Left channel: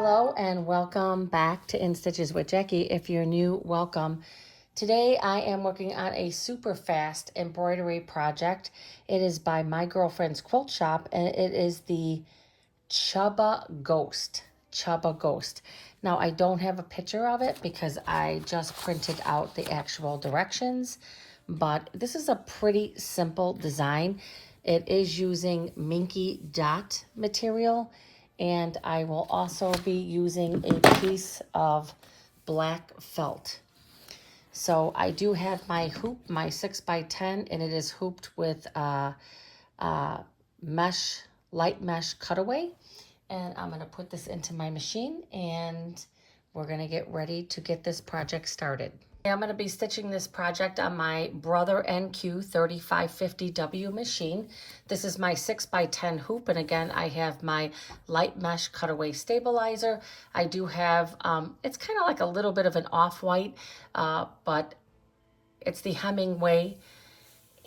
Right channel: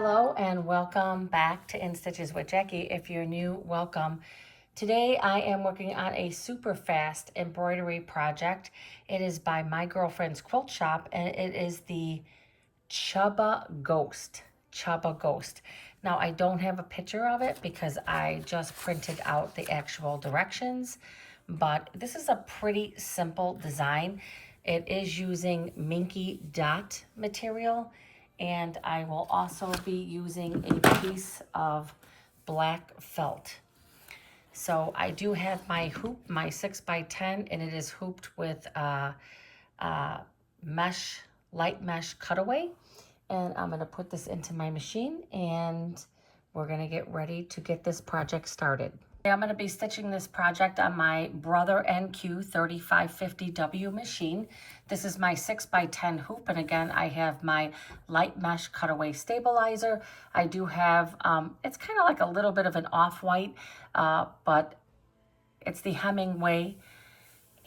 Hello and welcome back to In Stitches with Jackie. If you're new, welcome. Today I am working on a super fast embroidery project. It is by My Girlfriends Quilt Shoppe and it is the Chubba Ghost. Chubba Ghost. Now I don't have a picture of it because I just printed out the actual directions, but this is a pretty simple design. It is using Minky dot material, and I will also be using a piece of black felt. So I do have my hoop, my 6x10, and it is hooped with mesh, light mesh cutaway. And I'm gonna put this into my machine and we're gonna get ready to get this project started. I'm gonna be stitching this project on my Brother NQ 3550W machine. This is my 6x10 hoop, and again, I have my light mesh cutaway stabilizer. I do have, it's kind of like a little bit of an off-white, but it's the Hemingway,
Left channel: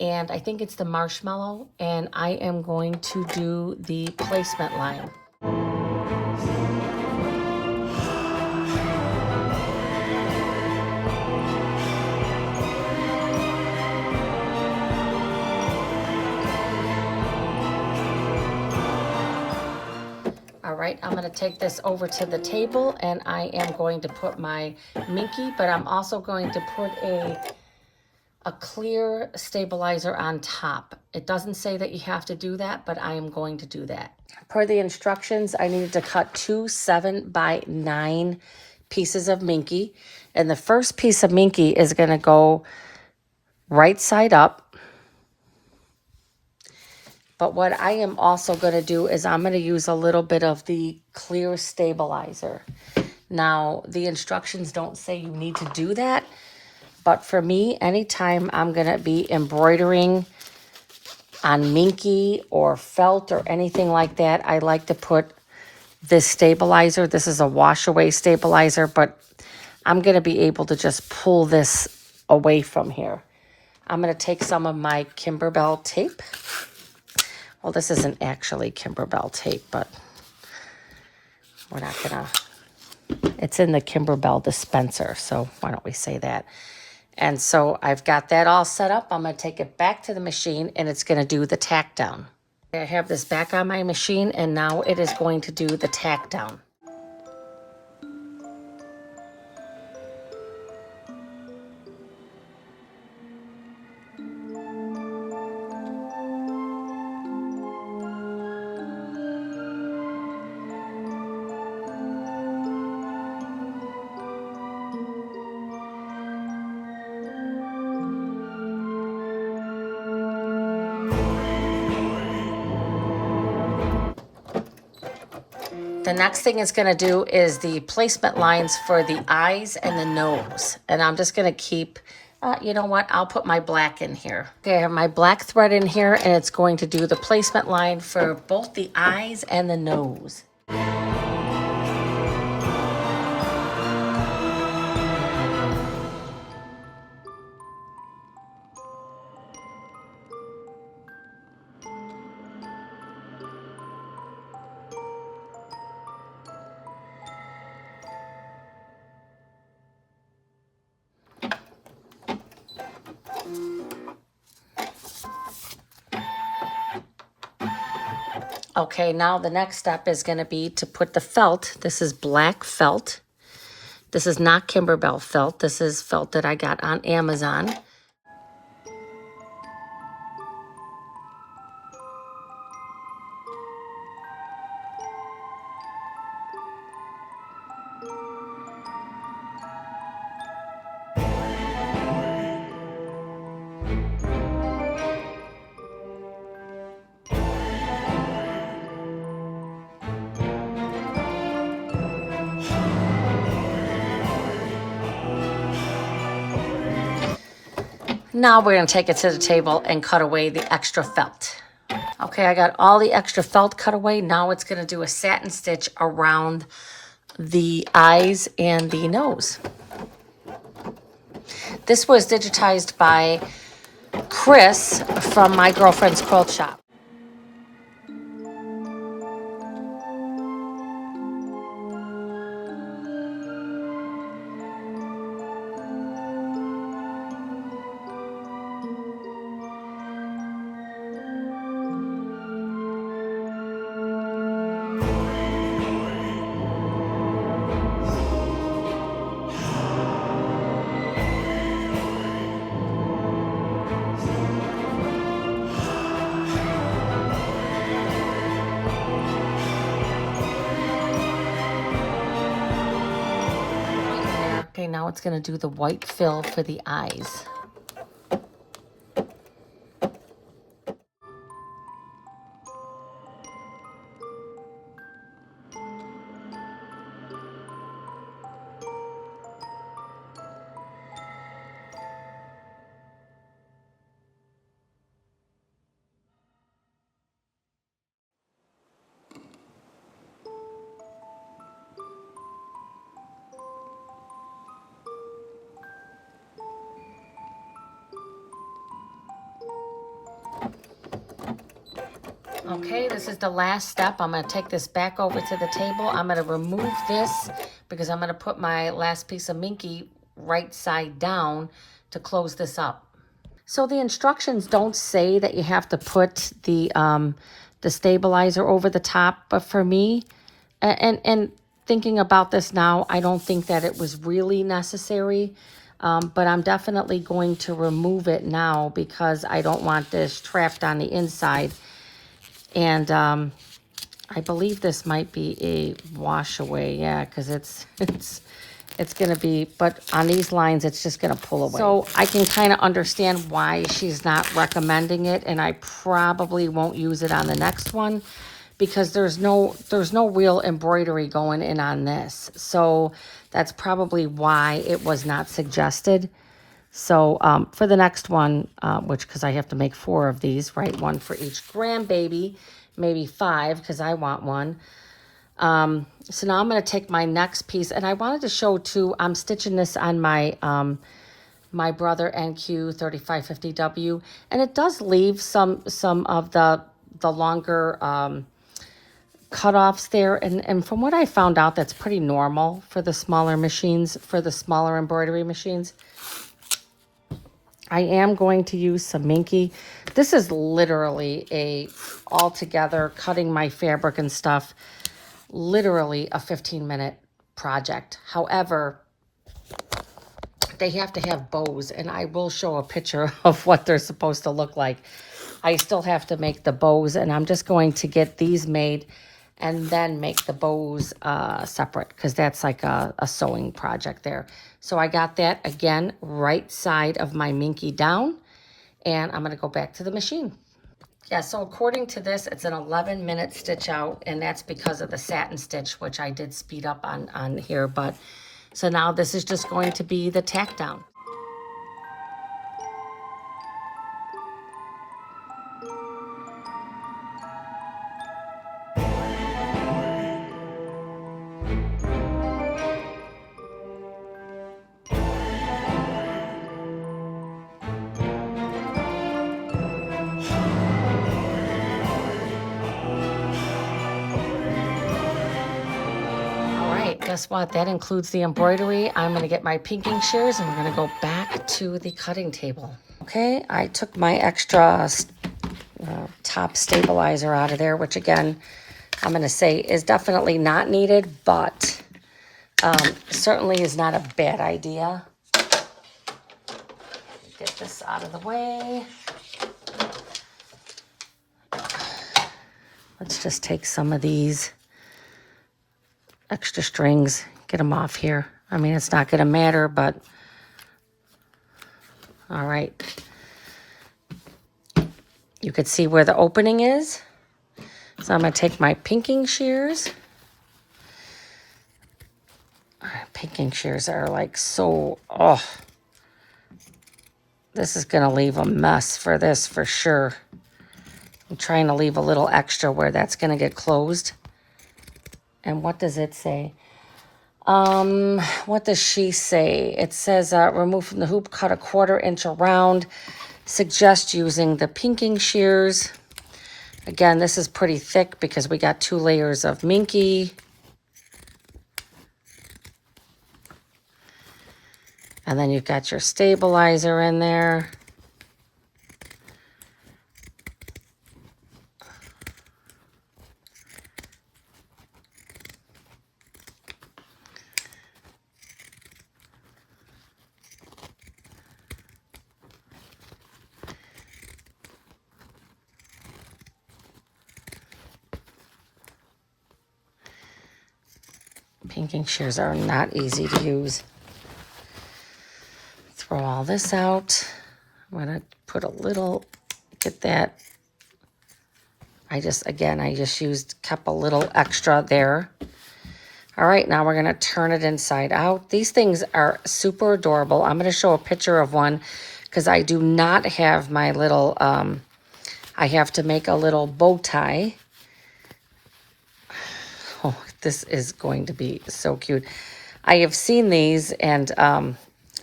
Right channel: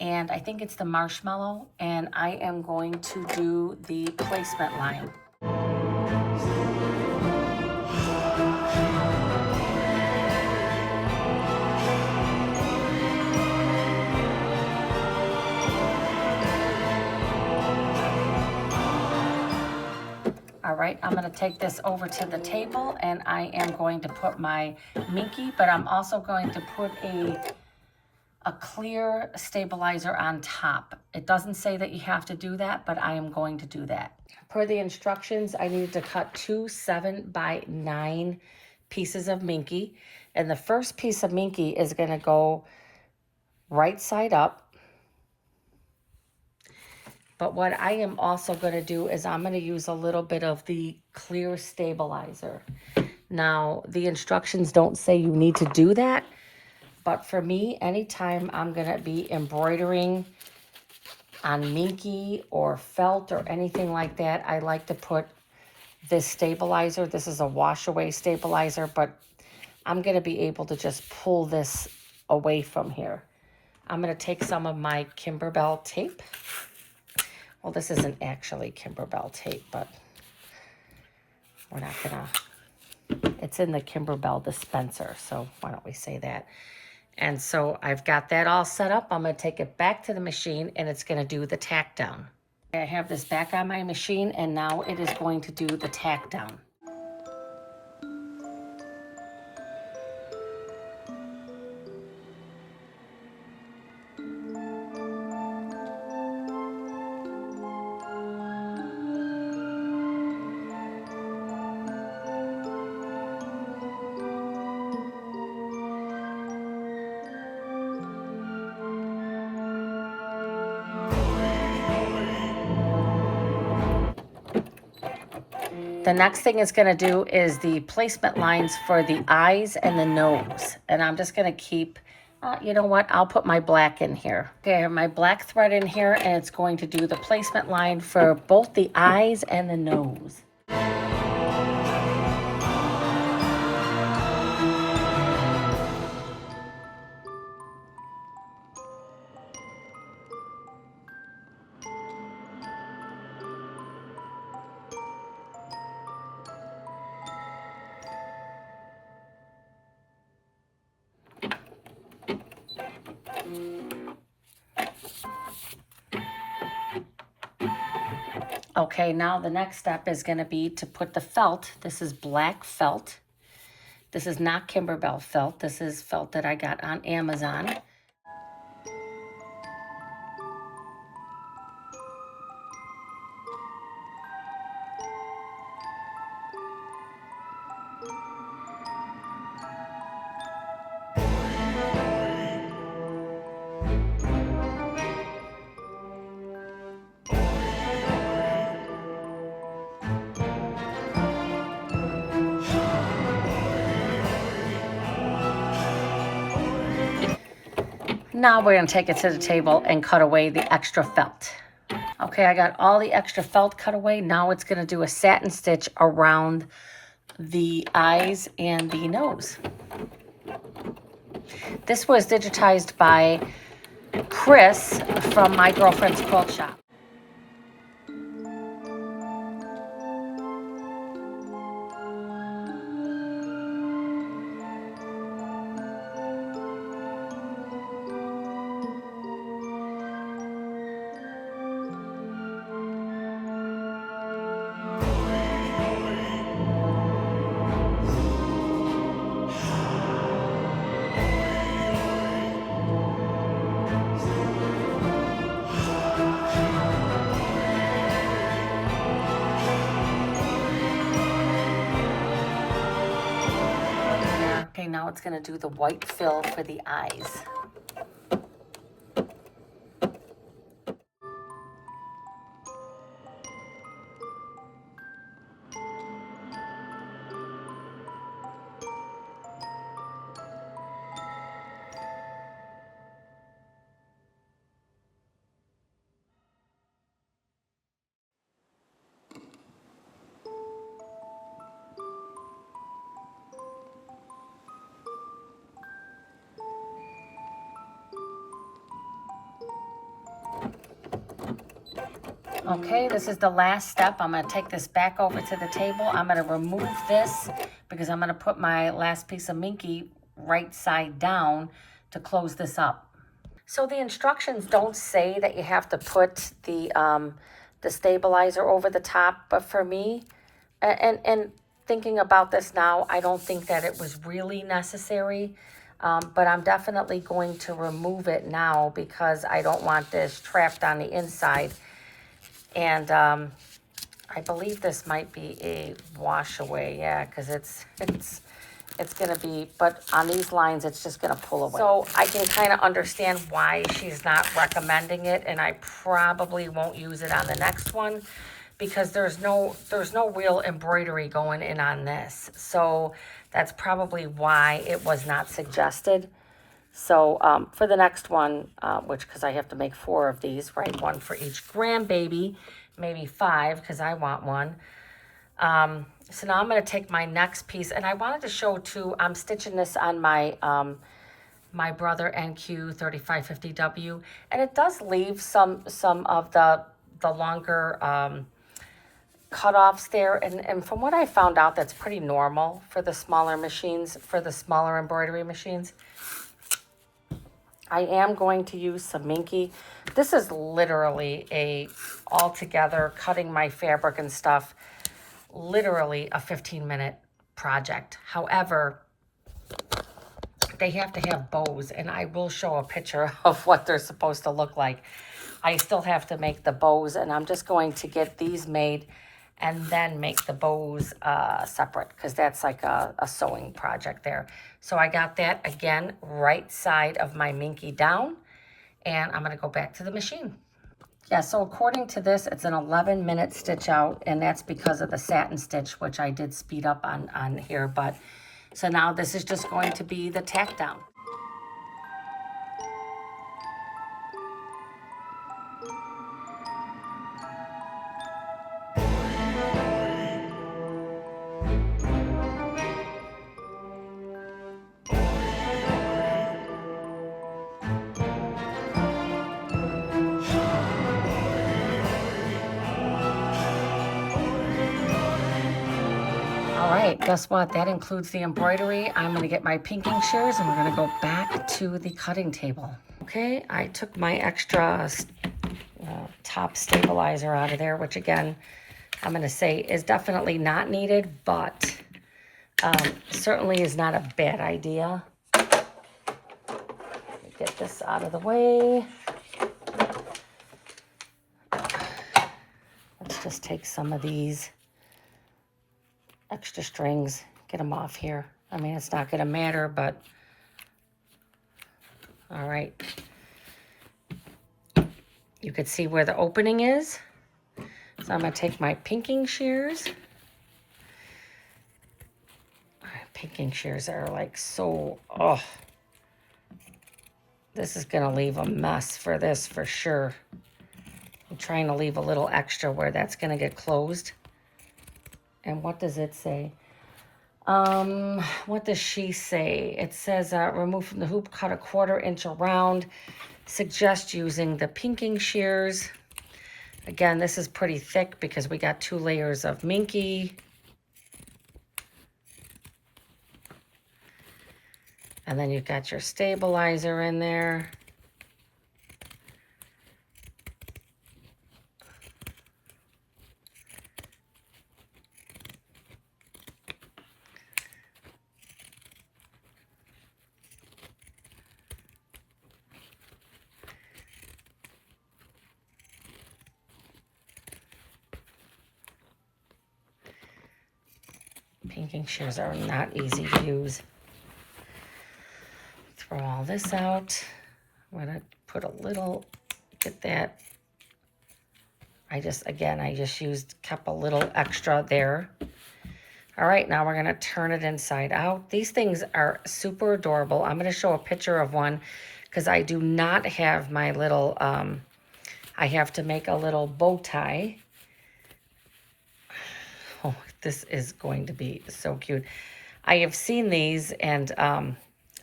and I think it's the marshmallow, and I am going to do the placement line. All right, I'm gonna take this over to the table and I am going to put my Minky, but I'm also going to put a clear stabilizer on top. It doesn't say that you have to do that, but I am going to do that. Per the instructions, I needed to cut 2 7x9 pieces of Minky. And the first piece of Minky is gonna go right side up. But what I am also going to do is I'm going to use a little bit of the clear stabilizer. Now, the instructions don't say you need to do that, but for me, anytime I'm going to be embroidering on Minky or felt or anything like that, I like to put this stabilizer. This is a wash away stabilizer, but I'm going to be able to just pull this away from here. I'm going to take some of my Kimberbell tape. Well, this isn't actually Kimberbell tape, but we're not gonna, it's in the Kimberbell dispenser, so why don't we say that? And so I've got that all set up. I'm gonna take it back to the machine and it's gonna do the tack down. I have this back on my machine and now it is going to do the tack down. The next thing it's going to do is the placement lines for the eyes and the nose. And I'm just going to keep, you know what, I'll put my black in here. Okay, I have my black thread in here and it's going to do the placement line for both the eyes and the nose. Okay, now the next step is going to be to put the felt. This is black felt. This is not Kimberbell felt. This is felt that I got on Amazon. Now we're going to take it to the table and cut away the extra felt. Okay, I got all the extra felt cut away. Now it's going to do a satin stitch around the eyes and the nose. This was digitized by Chris from My Girlfriends Quilt Shoppe. it's going to do the white fill for the eyes. Okay, this is the last step. I'm going to take this back over to the table. I'm going to remove this because I'm going to put my last piece of Minky right side down to close this up. So the instructions don't say that you have to put the stabilizer over the top, but for me, and thinking about this now, I don't think that it was really necessary, but I'm definitely going to remove it now because I don't want this trapped on the inside. And I believe this might be a wash away, yeah, because it's gonna be, but on these lines, it's just gonna pull away. So I can kind of understand why she's not recommending it, and I probably won't use it on the next one because there's no real embroidery going in on this. So that's probably why it was not suggested. So for the next one, which, because I have to make 4 of these, right? One for each grandbaby, maybe 5, because I want one. So now I'm going to take my next piece, and I wanted to show too, I'm stitching this on my my Brother NQ 3550W, and it does leave some of the longer cutoffs there, and from what I found out, that's pretty normal for the smaller machines, for the smaller embroidery machines. I am going to use some Minky. This is literally a altogether cutting my fabric and stuff, literally a 15-minute project. However, they have to have bows, and I will show a picture of what they're supposed to look like. I still have to make the bows, and I'm just going to get these made and then make the bows separate, because that's like a sewing project there. So I got that, again, right side of my Minky down, and I'm going to go back to the machine. Yeah, so according to this, it's an 11-minute stitch out, and that's because of the satin stitch, which I did speed up on here. But so now this is just going to be the tack down. All right, guess what? That includes the embroidery. I'm going to get my pinking shears, and we're going to go back to the cutting table. Okay, I took my extra top stabilizer out of there, which again, I'm going to say is definitely not needed, but certainly is not a bad idea. Get this out of the way. Let's just take some of these extra strings, get them off here. I mean, it's not going to matter, but all right. You could see where the opening is. So I'm going to take my pinking shears. Pinking shears are like so, oh. This is going to leave a mess for this for sure. I'm trying to leave a little extra where that's going to get closed. And what does it say? What does she say? It says, remove from the hoop, cut a 1/4 inch around. Suggest using the pinking shears. Again, this is pretty thick because we got 2 layers of Minky. And then you've got your stabilizer in there. Pinking shears are not easy to use. throw all this out. I'm gonna put a little, get that. I just kept a little extra there. All right, now we're gonna turn it inside out. These things are super adorable. I'm gonna show a picture of one because I do not have my little, I have to make a little bow tie. Oh, this is going to be so cute. I have seen these, and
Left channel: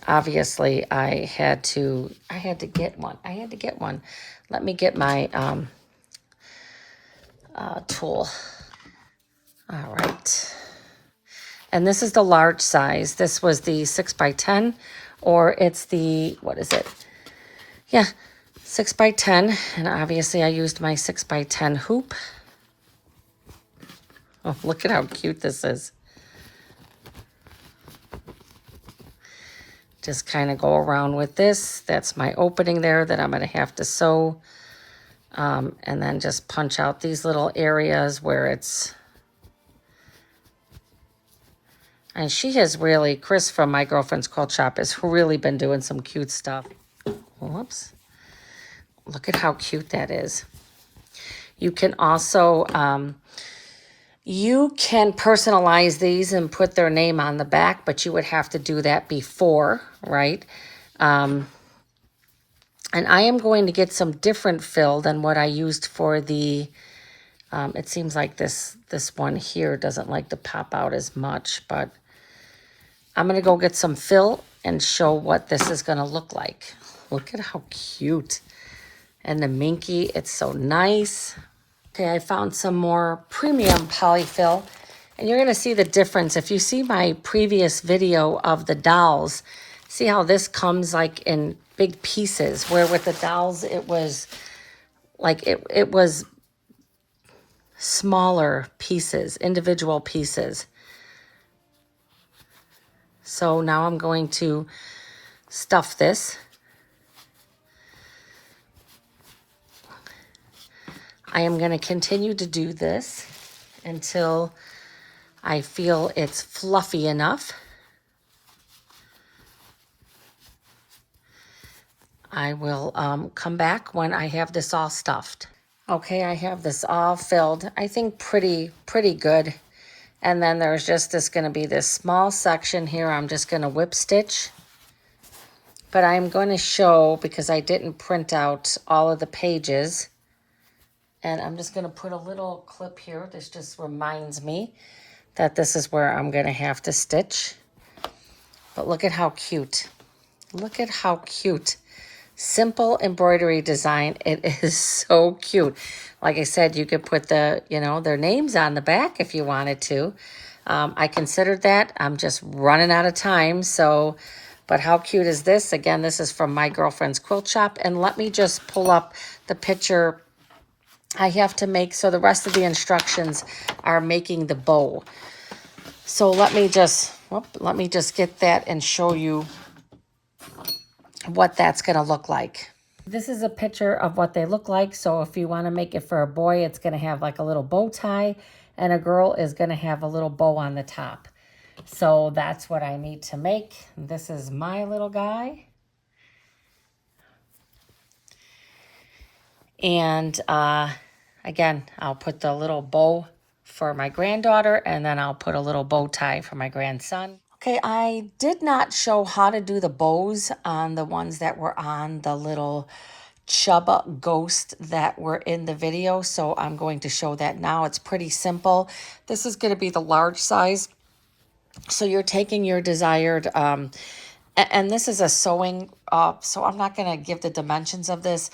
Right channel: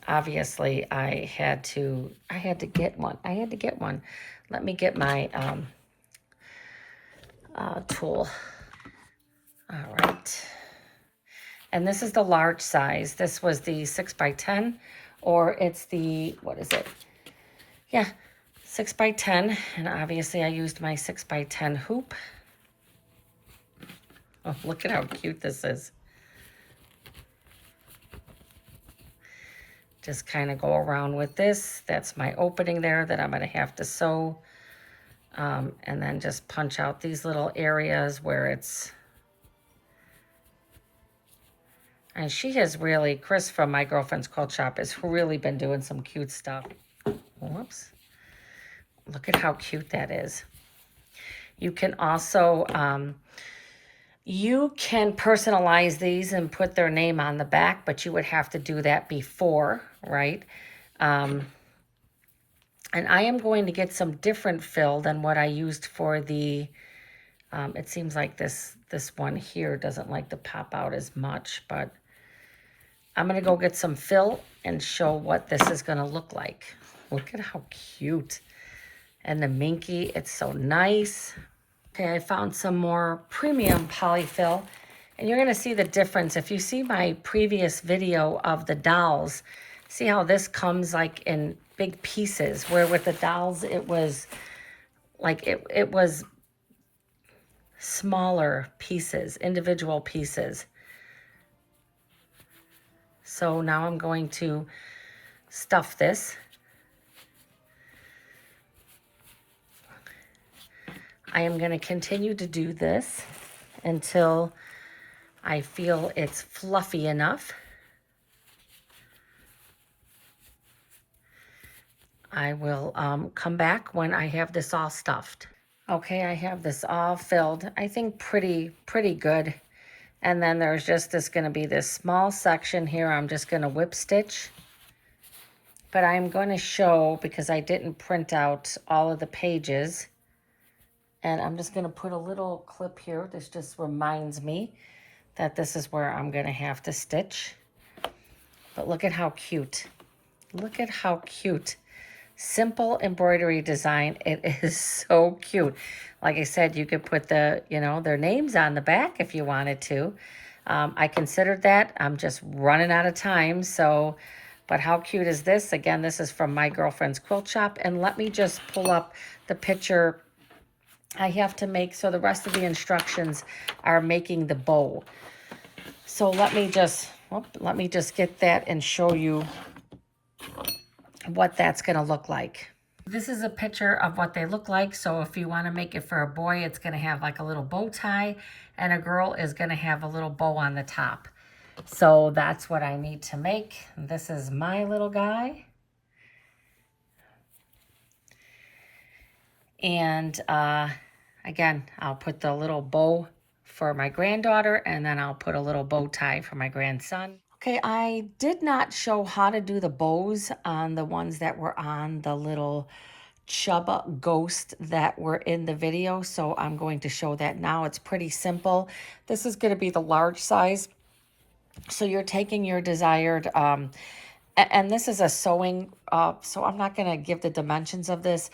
obviously I had to get one. Let me get my tool. All right. And this is the large size. This was the 6x10, or it's the, what is it? Yeah, 6x10. And obviously I used my 6x10 hoop. Oh, look at how cute this is. Just kind of go around with this. That's my opening there that I'm going to have to sew. And then just punch out these little areas where it's... And she has really, Chris from My Girlfriends Quilt Shoppe has really been doing some cute stuff. Whoops. Look at how cute that is. You can also, you can personalize these and put their name on the back, but you would have to do that before, right? And I am going to get some different fill than what I used for the, it seems like this one here doesn't like to pop out as much, but I'm going to go get some fill and show what this is going to look like. Look at how cute. And the Minky, it's so nice. Okay, I found some more premium polyfill, and you're going to see the difference. If you see my previous video of the dolls, see how this comes like in big pieces, where with the dolls it was like it was smaller pieces, individual pieces. So now I'm going to stuff this. I am going to continue to do this until I feel it's fluffy enough. I will come back when I have this all stuffed. Okay, I have this all filled. I think pretty good. And then there's just going to be this small section here. I'm just going to whip stitch. But I'm going to show, because I didn't print out all of the pages, and I'm just going to put a little clip here. This just reminds me that this is where I'm going to have to stitch. But look at how cute. Look at how cute. Simple embroidery design. It is so cute. Like I said, you could put the, their names on the back if you wanted to. I considered that. I'm just running out of time. So, but how cute is this? Again, this is from My Girlfriends Quilt Shoppe. And let me just pull up the picture I have to make. So the rest of the instructions are making the bow. So let me just get that and show you what that's going to look like. This is a picture of what they look like. So if you want to make it for a boy, it's going to have like a little bow tie, and a girl is going to have a little bow on the top. So that's what I need to make. This is my little guy. And again, I'll put the little bow for my granddaughter, and then I'll put a little bow tie for my grandson. Okay, I did not show how to do the bows on the ones that were on the little Chubba ghost that were in the video, so I'm going to show that now. It's pretty simple. This is going to be the large size. So you're taking your desired, and this is a sewing, so I'm not going to give the dimensions of this,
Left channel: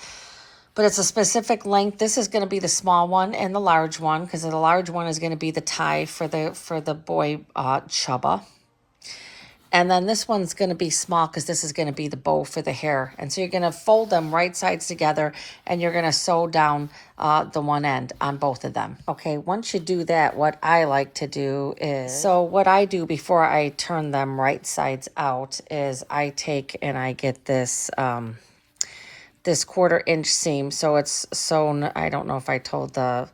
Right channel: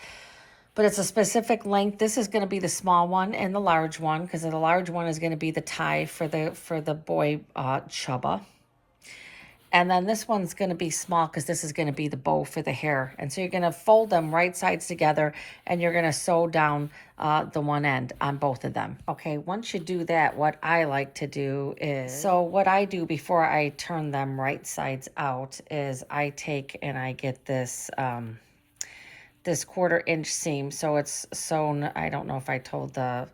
but it's a specific length. This is going to be the small one and the large one, because the large one is going to be the tie for the boy Chubba. And then this one's going to be small because this is going to be the bow for the hair. And so you're going to fold them right sides together, and you're going to sew down the one end on both of them. Okay, once you do that, what I like to do is, so what I do before I turn them right sides out is I take and I get this this 1/4 inch seam. So it's sewn, I don't know if I told but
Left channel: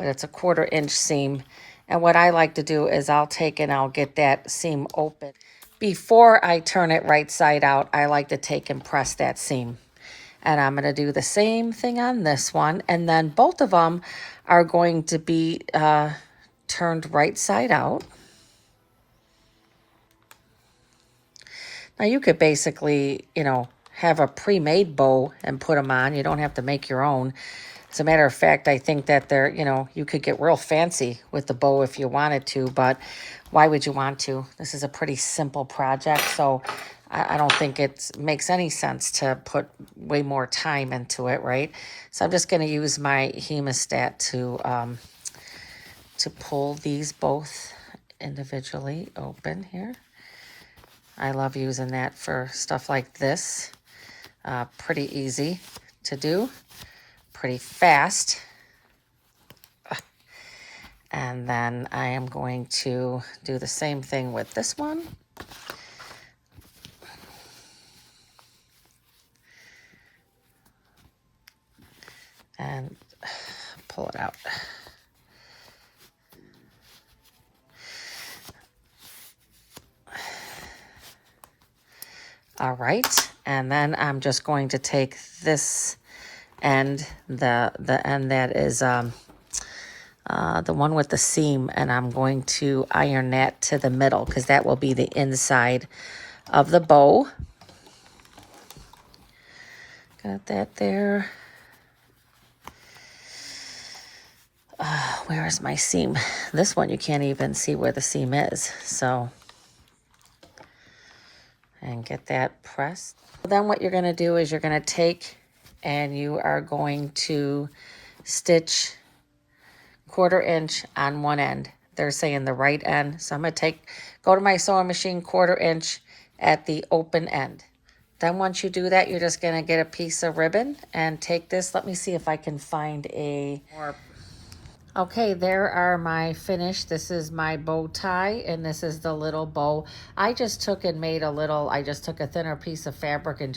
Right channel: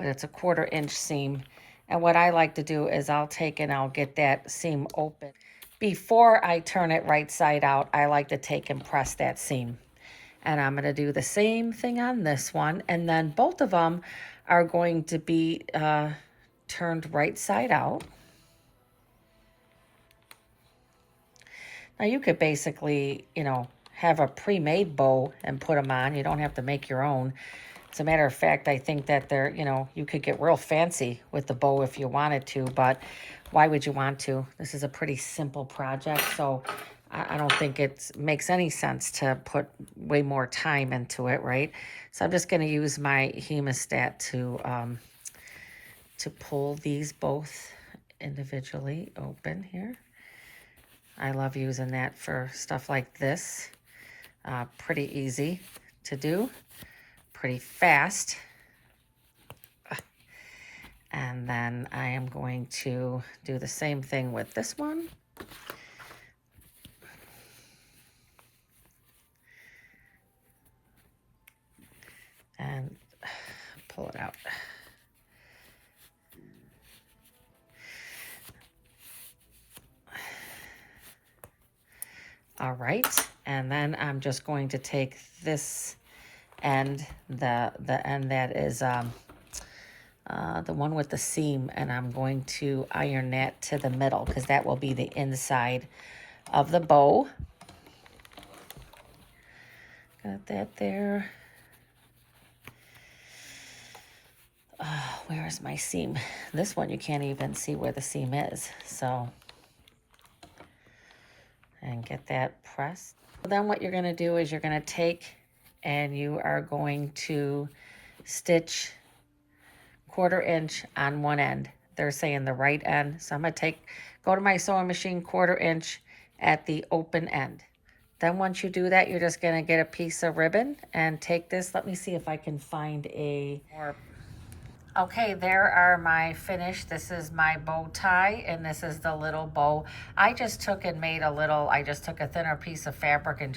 it's a 1/4 inch seam. And what I like to do is I'll take and I'll get that seam open. before I turn it right side out, I like to take and press that seam. And I'm going to do the same thing on this one. And then both of them are going to be turned right side out. Now you could basically, you know, have a pre-made bow and put them on. You don't have to make your own. As a matter of fact, I think that they're, you know, you could get real fancy with the bow if you wanted to, but why would you want to? This is a pretty simple project, so I don't think it makes any sense to put way more time into it, right? So I'm just going to use my hemostat to pull these both individually open here. I love using that for stuff like this. Pretty easy to do, pretty fast. And then I am going to do the same thing with this one. And pull it out. All right, and then I'm just going to take this end, the end that is the one with the seam, and I'm going to iron that to the middle because that will be the inside of the bow. Got that there. Where is my seam? This one you can't even see where the seam is, so. And get that pressed. Then what you're going to do is you're going to take and you are going to stitch 1/4 inch on one end. They're saying the right end. So I'm going to go to my sewing machine 1/4 inch at the open end. Then once you do that, you're just going to get a piece of ribbon and take this. Let me see if I can find a more. Okay, there are my finished. This is my bow tie, and this is the little bow. I just took and made I just took a thinner piece of fabric and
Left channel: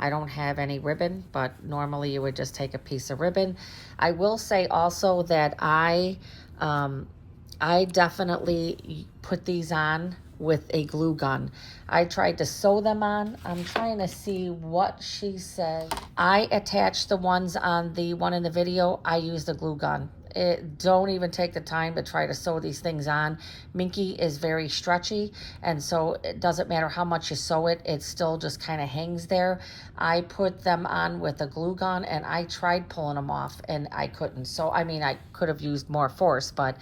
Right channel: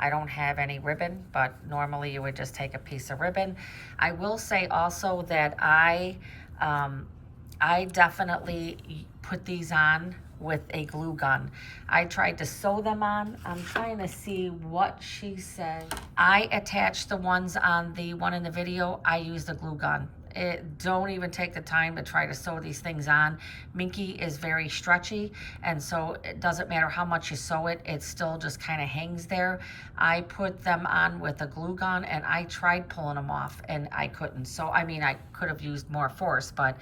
I don't have any ribbon, but normally you would just take a piece of ribbon. I will say also that I definitely put these on with a glue gun. I tried to sew them on. I'm trying to see what she said. I attached the ones on the one in the video. I used a glue gun. Don't even take the time to try to sew these things on. Minky is very stretchy, and so it doesn't matter how much you sew it, it still just kind of hangs there. I put them on with a glue gun, and I tried pulling them off, and I couldn't. So, I mean, I could have used more force, but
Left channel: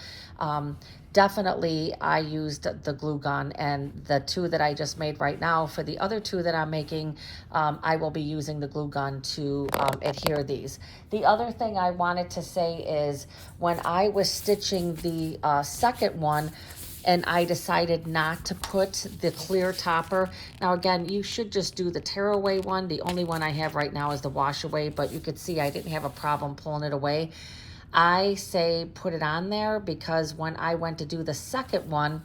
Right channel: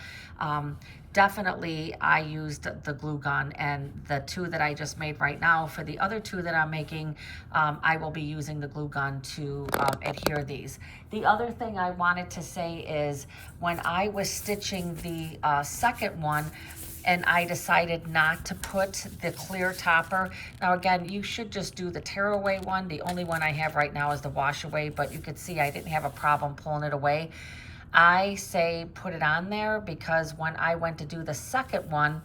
definitely I used the glue gun, and the two that I just made right now. For the other two that I'm making, I will be using the glue gun to adhere these. The other thing I wanted to say is when I was stitching the second one, and I decided not to put the clear topper. Now again, you should just do the tear away one. The only one I have right now is the wash away, but you could see I didn't have a problem pulling it away. I say put it on there because when I went to do the second one,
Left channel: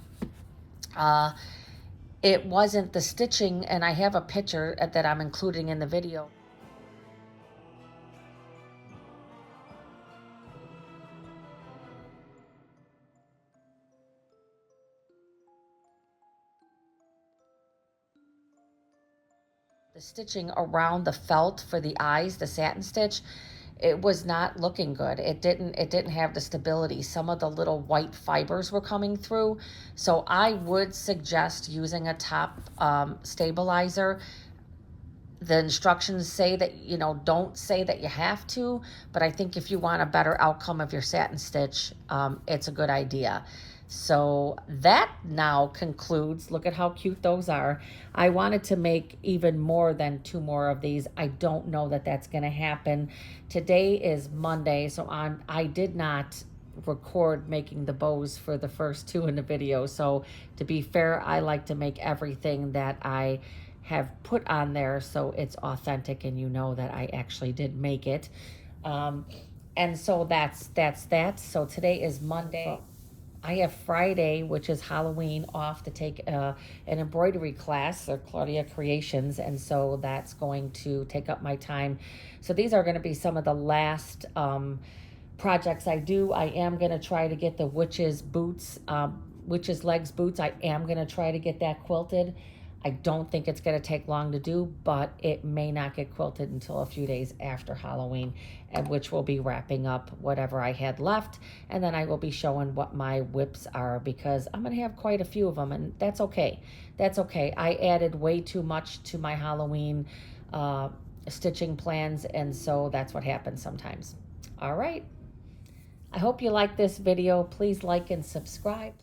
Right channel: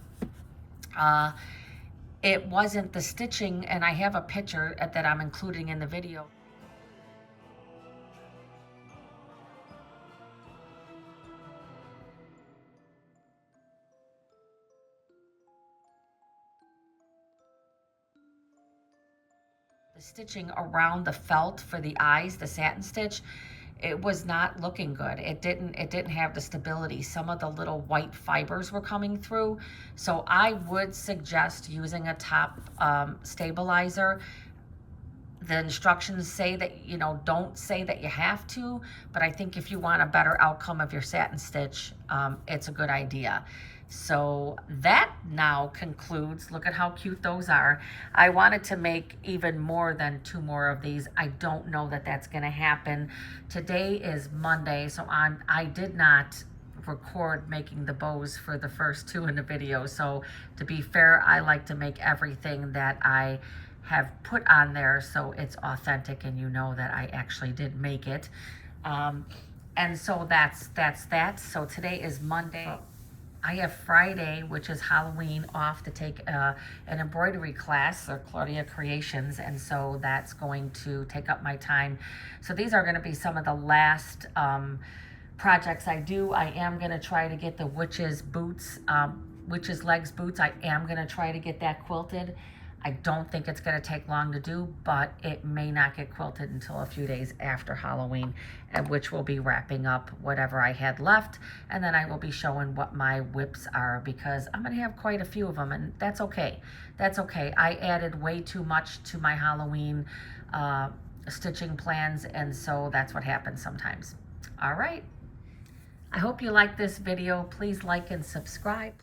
it wasn't the stitching, and I have a picture that I'm including in the video. The stitching around the felt for the eyes, the satin stitch, it was not looking good. It didn't have the stability. Some of the little white fibers were coming through. So I would suggest using a top stabilizer. The instructions say that, you know, don't say that you have to, but I think if you want a better outcome of your satin stitch, it's a good idea. So that now concludes. Look at how cute those are. I wanted to make even more than 2 more of these. I don't know that that's going to happen. Today is Monday, so I did not record making the bows for the first 2 in the video. So to be fair, I like to make everything that I have put on there so it's authentic and you know that I actually did make it. And so that's that. So today is Monday. I have Friday, which is Halloween, off to take an embroidery class, or Claudia Creations, and so that's going to take up my time. So these are going to be some of the last projects I do. I am going to try to get the witch's boots witch's legs boots. I am going to try to get that quilted. I don't think it's going to take long to do, but it may not get quilted until a few days after Halloween, and which will be wrapping up whatever I had left. And then I will be showing what my whips are, because I'm going to have quite a few of them, and that's okay. That's okay. I added way too much to my Halloween stitching plans, and so that's what happens sometimes. All right. I hope you like this video. Please like and subscribe.